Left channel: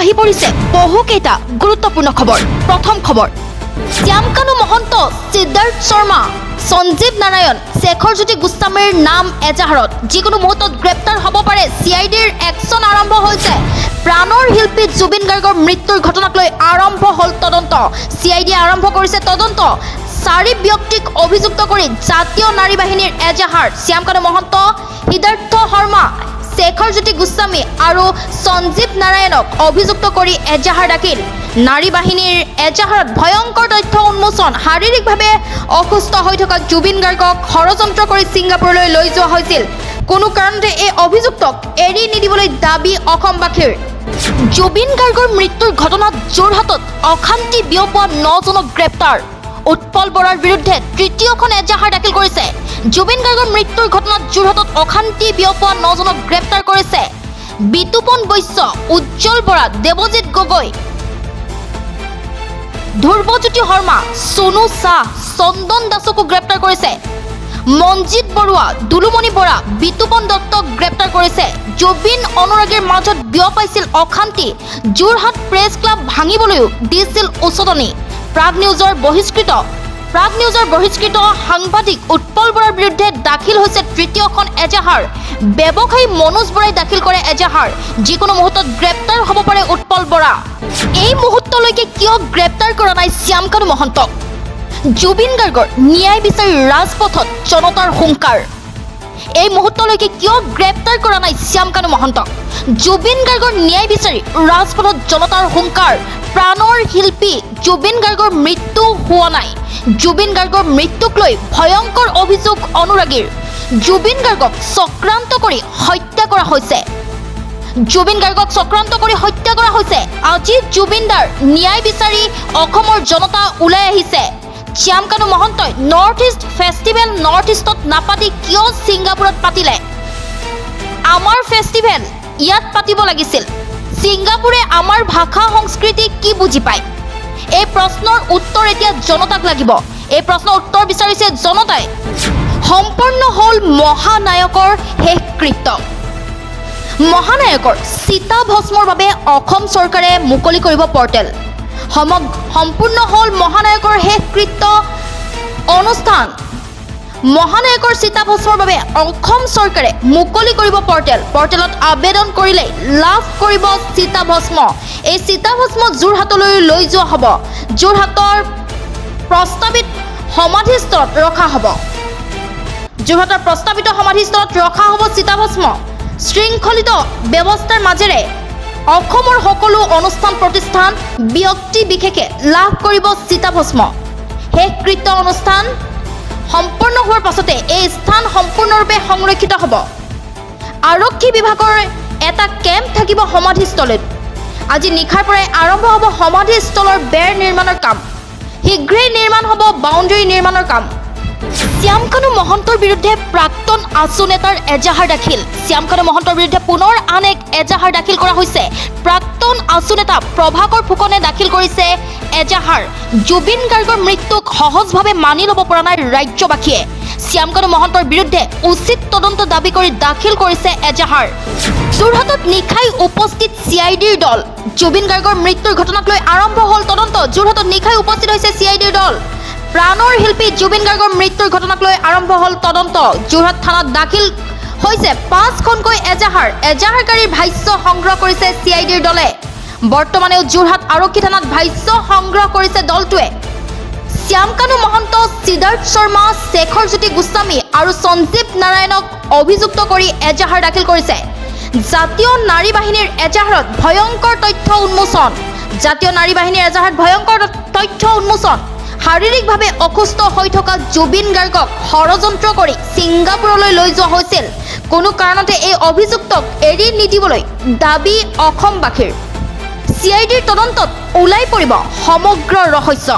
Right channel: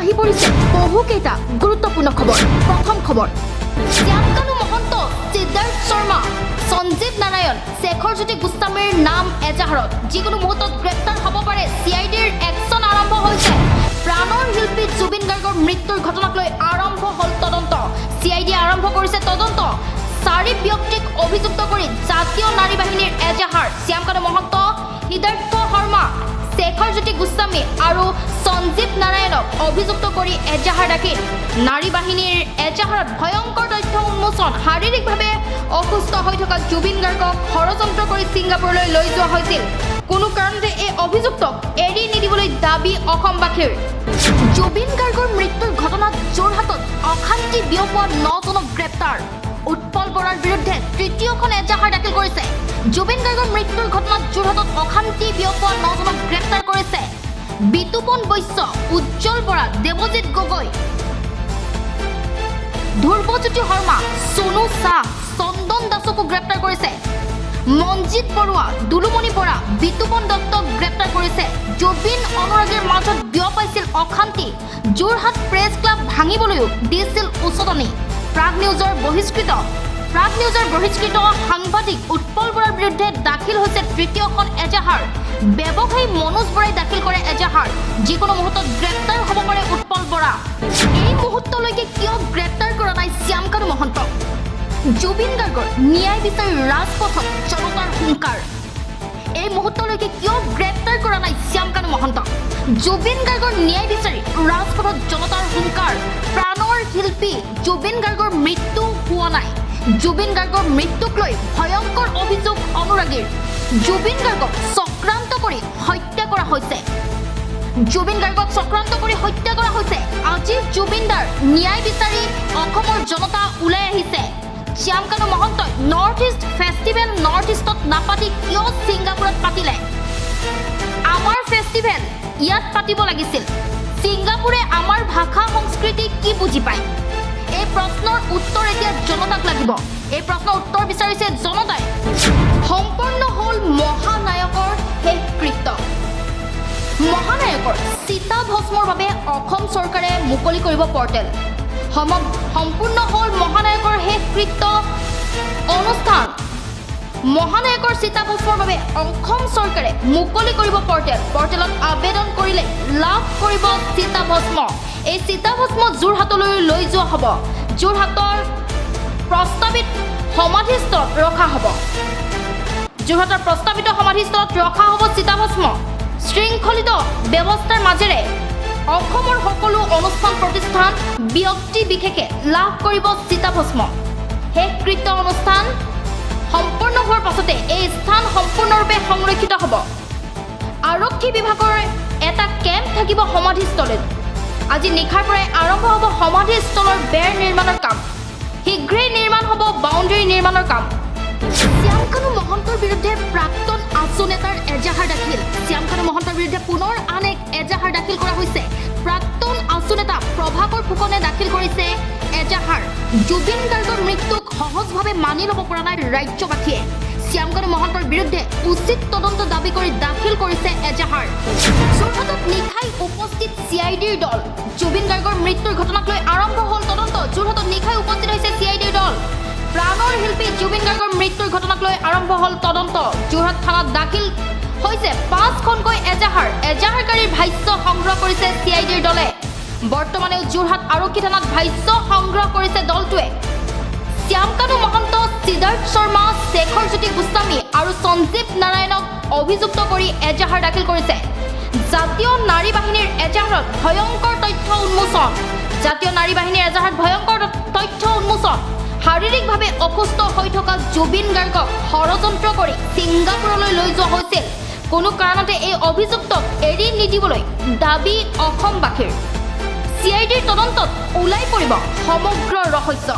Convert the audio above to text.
আহি পৰিছে বহুকেইটা গুৰুত্বপূৰ্ণ খবৰ। প্ৰথম খবৰ, শ্যামকানু মহন্ত, সিদ্ধাৰ্থ শৰ্মা, সঞ্জীৱ নাৰায়ণ, শেখৰজ্যোতি গোস্বামীৰ নাম এজাহাৰত যিকোনো মুহূৰ্তত গ্ৰেপ্তাৰ হ'ব পাৰে। CIDৰ একশ্যন আৰম্ভ হৈছে। প্ৰাণৰ শিল্পী জুবিন গাৰ্গৰ মৃত্যুৰ ঘটনাক লৈ আৰম্ভ হ'ল তদন্ত। CID আৰম্ভ কৰিছে তদন্ত। 4 ব্যক্তিক অভিযুক্ত কৰি জাতীয় নাৰী বাহিনীৰ এজাহাৰ। শ্যামকানু মহন্ত, সিদ্ধাৰ্থ শৰ্মা, শেখৰজ্যোতি গোস্বামী আৰু সঞ্জীৱ নাৰায়ণক অভিযুক্ত কৰি এজাহাৰ দাখিল। নাৰী বাহিনীৰ এজাহাৰত ভয়ংকৰ তথ্য উন্মোচন। শাৰীৰিকভাৱে অসুস্থ হৈ থকা জুবিন গাৰ্গক ষড়যন্ত্ৰ কৰি ছিংগাপুৰলৈ লৈ যোৱা হৈছিল। কোনো কাৰণতে এই অভিযুক্তক এৰি নিদিবলৈ দাবী অসমবাসীৰ। জুবিন গাৰ্গৰ মৃত্যুৰ ঘটনাত যোৰহাটত অশান্তি বিয়পোৱা 9জনক গ্ৰেপ্তাৰ। উৎপল বৰাৰ বিৰুদ্ধে তৃতীয়খন এজাহাৰ দাখিল কৰিছে। জুবিন গাৰ্গৰ মৃত্যুৰ ঘটনাত যোৰহাটত অশান্তি বিয়পোৱা 9জনক গ্ৰেপ্তাৰ কৰিছে। বিতুপন বৈশ্য, উজ্জ্বল বৰা, দেৱজিৎ গগৈ, ধ্ৰুৱজ্যোতি শৰ্মা, সোনু শাহ, চন্দন দাসকো গ্ৰেপ্তাৰ কৰিছে। মঞ্জিত বৰুৱা, দুলুমণি বৰা, বিতুপন দত্তক গ্ৰেপ্তাৰ কৰিছে। জুবিন অনুৰাগীৰ মাজত বিয়পাইছিল অশান্তি। যোৰহাট প্ৰেছ ক্লাব ভাঙিবলৈও দিছিল উচতনি। প্ৰাগ নিউজৰ বহিষ্কৃত সাংবাদিক উৎপল বৰাৰ বিৰুদ্ধে দাখিল হৈছে তৃতীয়খন এজাহাৰ। ব্যৱসায়ী মনোজ বৰাই দাখিল কৰে এজাহাৰ। যিকোনো মুহূৰ্তত গ্ৰেপ্তাৰ হ'ব পাৰে উৎপল বৰা। এই মুহূৰ্তলৈকে কিয় গ্ৰেপ্তাৰ কৰা নাই শ্যামকানু মহন্তক? জুবিন গাৰ্গৰ ন্যায় বিচাৰি ৰাজপথত জনতাৰ হুংকাৰ। এই মুহূৰ্তলৈকে কিয় গ্ৰেপ্তাৰ কৰা নাই শ্যামকানু মহন্তক? জুবিন গাৰ্গৰ ন্যায় বিচাৰি ৰাজপথত জনতাৰ হুংকাৰ। প্ৰাণৰ শিল্পী জুবিন গাৰ্গৰ মৃত্যু হোৱা নাই। জুবিন গাৰ্গৰ মৃত্যুক লৈ ভয়ংকৰ অভিযোগ অনুৰাগীৰ। জুবিন গাৰ্গক চক্ৰান্ত কৰি হত্যা কৰা হৈছে। আজি জুবিনদাৰ ন্যায় বিচাৰি অসমৰ জনতা ওলাই আহিছে। শ্যামকানু মহন্তই নৰ্থ ইষ্ট ফেষ্টিভেল নৰ্থ ইষ্টত নাপাতি কিয় ছিংগাপুৰত পাতিলে? আমাৰ ফেষ্টিভেল ইয়াত পাতিব লাগিছিল। ছিংগাপুৰে আমাৰ ভাষা সংস্কৃতি কি বুজি পায়? এই প্ৰশ্নৰ উত্তৰ এতিয়া জনতাক লাগিব। এই প্ৰশ্নৰ উত্তৰ বিচাৰিছে জনতাই। সম্পূৰ্ণ হ'ল মহানায়কৰ শেষকৃত্য। মহানায়কৰ চিতাভস্মৰ বাবে অসম চৰকাৰে মুকলি কৰিব পৰ্টেল। সম্পূৰ্ণ হ'ল মহানায়কৰ শেষকৃত্য অনুষ্ঠান। মহানায়কৰ চিতাভস্মৰ বাবে অসম চৰকাৰে মুকলি কৰিব পৰ্টেল। পৰ্টেলত আবেদন কৰিলে লাভ কৰিব চিতাভস্ম। এই চিতাভস্ম যোৰহাটলৈ লৈ যোৱা হ'ব। যোৰহাটৰ প্ৰস্তাৱিত সমাধিস্থলত ৰখা হ'ব। চিতাভস্ম। শৃংখলিত ব্যৱস্থাৰ মাজেৰে অসমৰ সকলো অনুষ্ঠান প্ৰতিষ্ঠান ব্যক্তি বিশেষে লাভ কৰিব চিতাভস্ম। শেষকৃত্য অনুষ্ঠান সম্পূৰ্ণ হোৱাৰ পাছতে এই স্থান সম্পূৰ্ণৰূপে সংৰক্ষিত হ'ব। আৰক্ষী বিভাগৰ এটা কেম্প থাকিব সমাধিস্থলীত। আজি নিশাৰ পৰাই আৰম্ভ হ'ব সমাধিস্থলৰ বেৰ নিৰ্মাণৰ কাম। শীঘ্ৰেই নিৰ্মাণ হ'ব বাউণ্ডেৰী নিৰ্মাণৰ কাম। শ্যামকানু মহন্তৰ বিৰুদ্ধে প্ৰাক্তন আছু নেতাৰ এজাহাৰ দাখিল। শ্যামকানু মহন্তৰ বিৰুদ্ধে পুনৰ আন এক এজাহাৰ দাখিল কৰা হৈছে। প্ৰাক্তন আছু নেতা প্ৰভাকৰ ফুকনে দাখিল কৰিছে এজাহাৰ। জুবিন গাৰ্গৰ মৃত্যুক সহজভাৱে মানি ল'ব পৰা নাই ৰাজ্যবাসীয়ে। শ্যামকানু মহন্তৰ বিৰুদ্ধে উচিত তদন্ত দাবী কৰি দাখিল কৰিছে এজাহাৰ। যোৰহাটত নিশাই উপস্থিত CIDৰ দল। জুবিন গাৰ্গৰ মৃত্যুৰ ঘটনাক লৈ আৰম্ভ হ'ল তদন্ত। যোৰহাটত নিশাই উপস্থিত হৈছে CIDৰ দল। প্ৰাণৰ শিল্পী জুবিন গাৰ্গৰ মৃত্যুৰ ঘটনাক লৈ আৰম্ভ হ'ল তদন্ত। যোৰহাট থানাত দাখিল হৈছে 5খনকৈ এজাহাৰ। এজাহাৰকাৰীৰ ভাষ্য সংগ্ৰহ কৰিছে CIDৰ দলে। বৰ্তমানেও যোৰহাট আৰক্ষী থানাত ভাষ্য সংগ্ৰহ কৰিছে দলটোৱে। শ্যামকানু মহন্ত, সিদ্ধাৰ্থ শৰ্মা, শেখৰজ্যোতি গোস্বামী আৰু সঞ্জীৱ নাৰায়ণক অভিযুক্ত কৰি এজাহাৰ দাখিল কৰিছে। জাতীয় নাৰী বাহিনীৰ এজাহাৰত ভয়ংকৰ তথ্য উন্মোচন। শাৰীৰিকভাৱে অসুস্থ হৈ থকা জুবিন গাৰ্গক ষড়যন্ত্ৰ কৰি ছিংগাপুৰলৈ লৈ যোৱা হৈছিল। কোনো কাৰণতে এই অভিযুক্তক এৰি নিদিবলৈ দাবী অসমবাসীৰ। CIDৰ তদন্তত ওলাই পৰিব সমগ্ৰ ৰহস্য।